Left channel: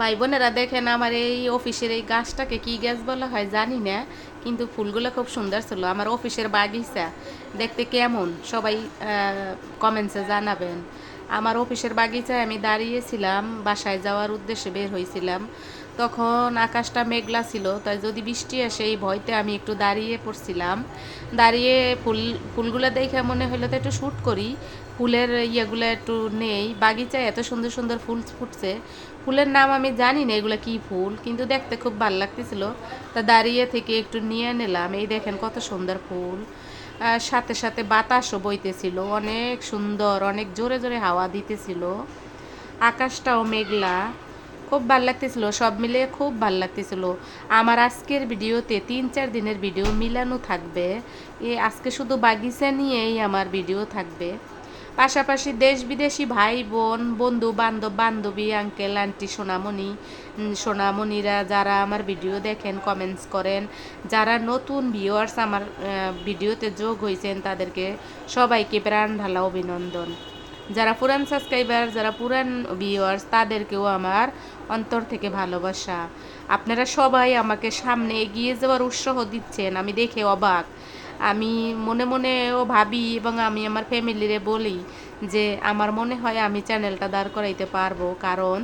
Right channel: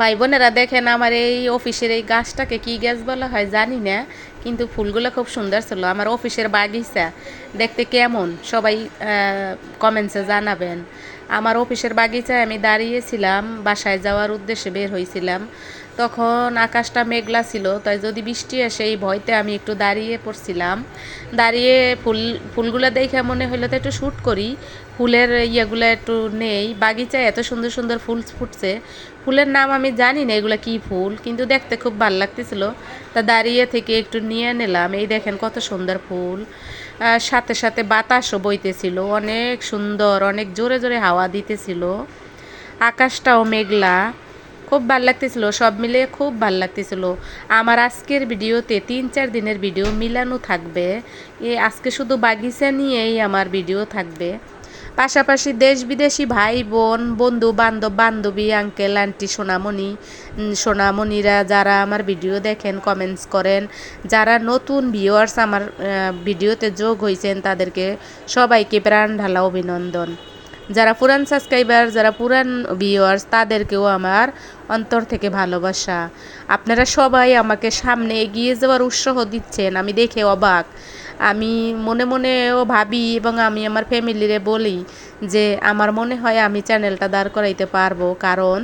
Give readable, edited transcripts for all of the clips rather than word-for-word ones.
ভাই বোনেরা দেখেন, আমার এই অফিসের এই গাছটাকে কি গাছ বলা হয় জানি না, কিন্তু ফুলগুলো খুব সুন্দর ছিল। আমার অফিসের বাগিচা দেখতে কেমন সবাই কমেন্টসে জানাবেন। আমার অফিসের বাগিচায় আমি দাঁড়িয়েছিলাম, বাসায় যাওয়ার উদ্দেশ্যে বের হয়েছিলাম। তখন আকাশটা মেঘলা ছিল, তাই যদি বৃষ্টি আসে এই ভয়তে আমি একটু দাঁড়িয়ে পড়ছিলাম। দাঁড়িয়ে ফুলগুলো দেখে মনে হলো তো একটু শ্যুট করি, ফুলের ইয়েগুলো একটু নেই। বাগিচায় এত সুন্দর সুন্দর ফুল ফুটছে, ফুলের নাম আমি জানি না এগুলো কী ফুল, কিন্তু দেখতে খুব ভালো লাগতেছিল। তা দাঁড়িয়ে থেকে একটু নিয়ে নিলাম। এই দেখেন কত সুন্দর ফুল, সাথে সাথে বাতাসও বইতেছিল, অনেক সুন্দর, অনেক জোরে জোরে হাওয়া দিতেছিল, আকাশটাও মেঘলা, খুব ভাল লাগতেছিল। সব মিলে খুব ভাল লাগতেছিল। আমার আজকের ভিডিওতে 3-4 দিনের ভিডিও মিলানো থাকবে। আজকে শুধু বাগিচা নিয়েই আমার ভিডিও থাকবে। পাশাপাশি দেশ বিদেশি ভাই বোন, বন্ধু বান্ধব, বান্ধবী, আঙ্কেল আন্টি, সোনামণিরা যারা আমার ভিডিও দেখেন, কমেন্টস করেন, যারা নতুন ভিউয়ার্স আমার ভিডিওতে যোগ হয়েছেন, তাদেরকে সবাইকে প্রাণ ঢালা অভিনন্দন। যারা পুরান সাবস্ক্রাইবার, যারা পুরান ভিউয়ার্স, তাদেরকেও আমার অন্তর থেকে ভালোবাসা। আপনারা সবাই আমাকে সামনে এগিয়ে যাওয়ার উৎসাহ দিচ্ছেন, আমি দেখে অবাক। আমি মনে মনেও ভাবি এবং আমি আমার ফ্যামিলিরে বলি যে আমার মনে হয় আমি চ্যানেলটা দাঁড় করাইতে পারবো, কারণ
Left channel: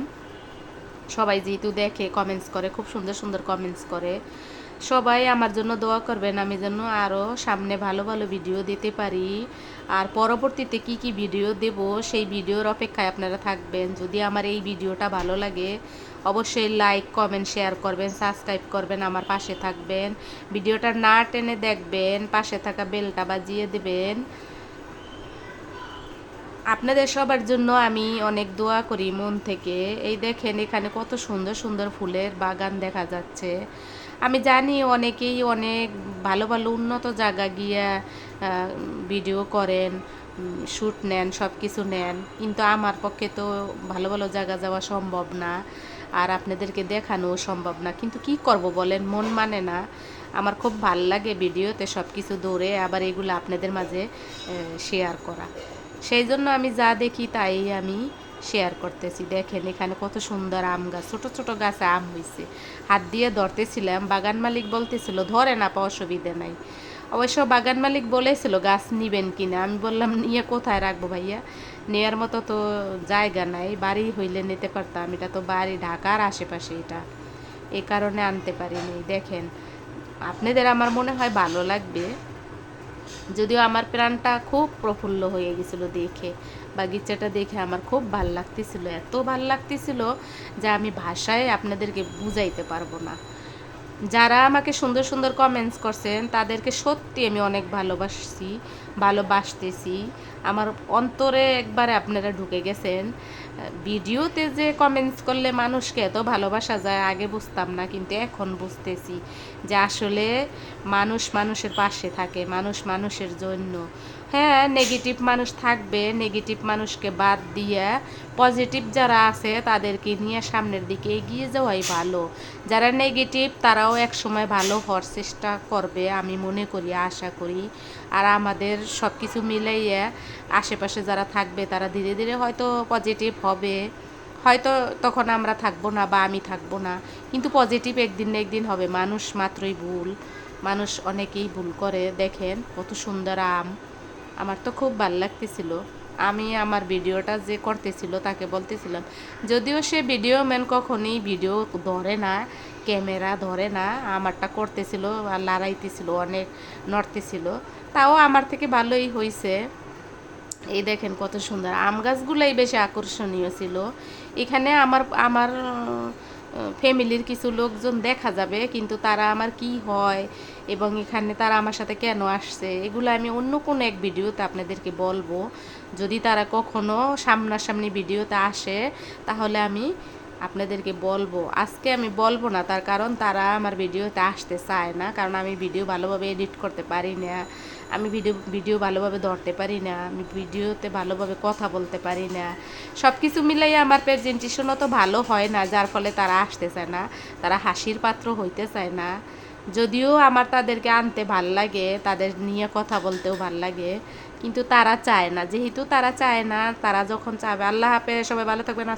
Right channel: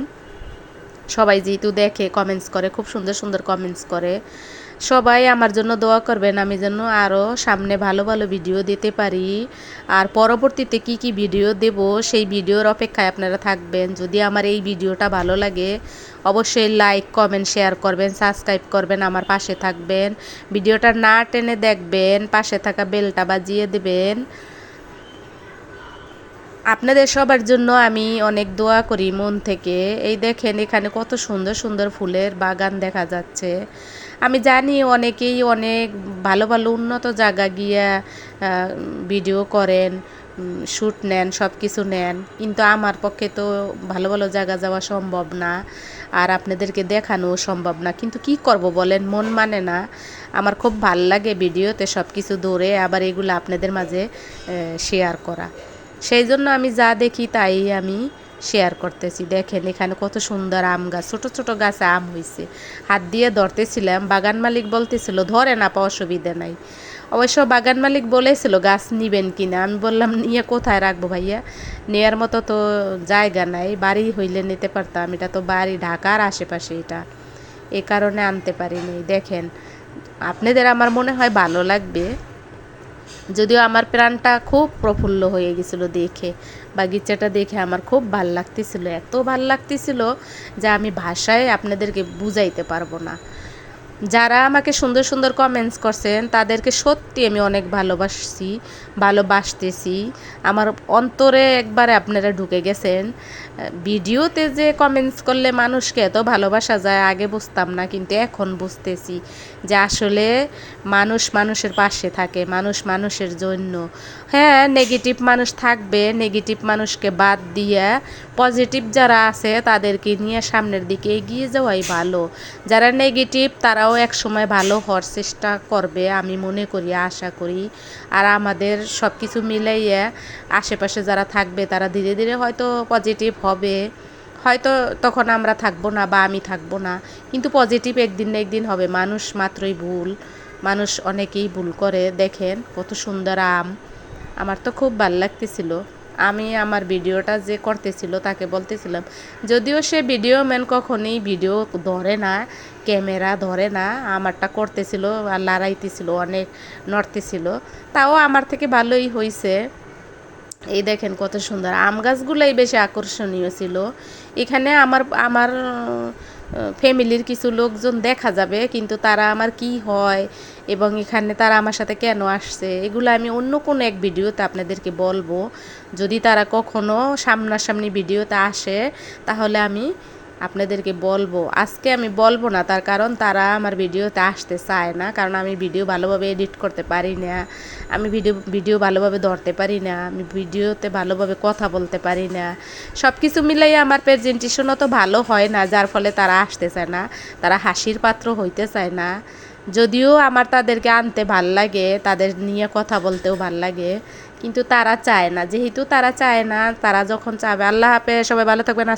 সবাই যেহেতু দেখে, কমেন্টস করে, খুব সুন্দর সুন্দর কমেন্টস করে। সবাই আমার জন্য দোয়া করবেন, আমি যেন আরও সামনে ভালো ভালো ভিডিও দিতে পারি। আর পরবর্তীতে কি কি ভিডিও দেব সেই ভিডিওর অপেক্ষায় আপনারা থাকবেন। যদি আমার এই ভিডিওটা ভালো লাগে অবশ্যই লাইক, কমেন্ট, শেয়ার করবেন, সাবস্ক্রাইব করবেন, আমার পাশে থাকবেন। ভিডিওটা না টেনে দেখবেন, পাশে থাকা বেলটা বাজিয়ে দেবেন। আপনাদের সবার জন্য আমি অনেক দোয়া করি মন থেকে। এই দেখেন এখানে কত সুন্দর সুন্দর ফুলের বাগান দেখা যাচ্ছে। আমি জানি অনেকেই অনেক ভালো ভালো উন্নত জায়গা গিয়া ভিডিও করেন, শ্যুট নেন, সব কিছু নেন, কিন্তু আমার পক্ষে তো ভালো ভালো জায়গা যাওয়া সম্ভব না, আর আপনাদেরকে দেখানো সম্ভব না। কিন্তু কি করব বলেন, মন মানে না। আমার খুব ভাল লাগে ভিডিওতে সব কিছু ধরে আবার এগুলো আপনাদের মাঝে শেয়ার করা। সেই জন্য আমি যা দেখি তাই আমি শেয়ার করতেছি। দেখেন এখানে কত সুন্দর আম গাছ, ছোট ছোট গাছে আম হয়েছে। হাত দিয়ে ধরতেছিলাম, বাগান মালিক বলতেছিল ধরে না পা, অসুবিধা নাই। অবশ্য বাগান মালিক বলেছিল গাছ নিবেন কিনা, আমি বললাম নিয়ে কোথায় রাখবো ভাইয়া, নেয়ার মতো তো জায়গা নাই, বাড়ি হইলে নিতে পারতাম, এটা তো বাড়ি ঢাকার আশেপাশে, এটা এই কারণে আনতে পারিনি। দেখেন আপনাদের আমার মনে হয় ভালো লাগবে, যদিও আমার প্রাণটা খুব প্রফুল্ল হয়ে গেছিলো দেখে, বাগিচাটা দেখে আমার খুব ভাল লাগতেছিল, এত ভাল লাগতেছিল যে আমি ভাষায় আপনাদেরকে বুঝাইতে পারবো না। যারা আমাকে সুন্দর সুন্দর কমেন্টস করছেন তাদেরকে সত্যি আমি অনেক ভালোবাসতেছি। আমার অন্তরে একবারে আপনারা ঢুকে গেছেন। ভিডিওতে যে কমেন্টস করলে মানুষকে এত ভালোবাসা যায় আগে বুঝতাম না, কিন্তু এখন বুঝতেছি যে আসলে মানুষ মানুষের পাশে থাকে, মানুষ মানুষের জন্য। হ্যাঁ, নেগেটিভ মানুষ থাকবে, নেগেটিভ মানুষকে বাদ দিয়ে পজিটিভ যারা আছে তাদেরকে নিয়ে সামনের দিকে এগিয়ে যাওয়াই ভালো। যারা নেগেটিভ তারাও এক সময় ভালো হওয়ার চেষ্টা করবে, আমি মনে করি, আশা করি। আর আমাদের সব কিছু মিলাইয়া আশেপাশে যারা থাকবে তারা ধীরে ধীরে হয়তো পজিটিভ হবে, হয়তো তখন আমরা থাকবো না বা আমি থাকবো না, কিন্তু পজিটিভ একদিন না একদিন হবে। মানুষ মাত্রই ভুল, মানুষ অনেকেই ভুল করে। দেখেন কত সুন্দর আম, আমার তো খুব ভালো লাগতেছিল। আমি আমার ভিডিওটা যে করতেছিল তাকে বলতেছিলাম, যদিও সে ভিডিও ম্যান কখনই ভিডিও ধরে না, ক্যামেরা ধরে না, আমারটা করতেছিল আর লড়াইতেছিল, অনেক নড়তেছিল, তাও আমার থেকে ভালোই হয়েছে। এই দেখেন কত সুন্দর আম গাছগুলোই বেশি আকর্ষণীয় ছিল। এখানে আমার আমার ফ্যামিলির কিছু লোকজন দেখা যাবে, কিন্তু তারা আমার কি হয় এবং এখানে তারা আমার সাথে কেন আসছে এগুলো আমি অন্য কোনো এক ভিডিওতে আপনাদেরকে বলবো। যদি তারা কখনো সামনাসামনি ভিডিওতে আসে তাহলে আমি আপনাদেরকে বলবো। আজকে আমি বলবো না, তার কারণ তারা আমার ভিডিওতে আসতে চায় না, কারণ আমি ভিডিও ভালোভাবে এডিট করতে পারি না, আমি ভিডিও ভালোভাবে ধরতে পারি না, আমি ভিডিওতে ভালোভাবে কথা বলতে পারি না। সব কিছু মিলাই আমার প্রেজেন্টেশনও তো ভালো হয় না, যার ফলে তারা আসতে চায় না, তারা হাসির পাত্র হইতে চায় না। যদিও আমার তাদেরকে আনতে ভাল লাগে, তাদের নিয়ে কথা বলতেও ভাল লাগে, কিন্তু তারা চায় না। যেহেতু তারা চায় না, তারা যখন চাবে। আল্লাহ হাফেজ, সবাই ভালো থাকবেন।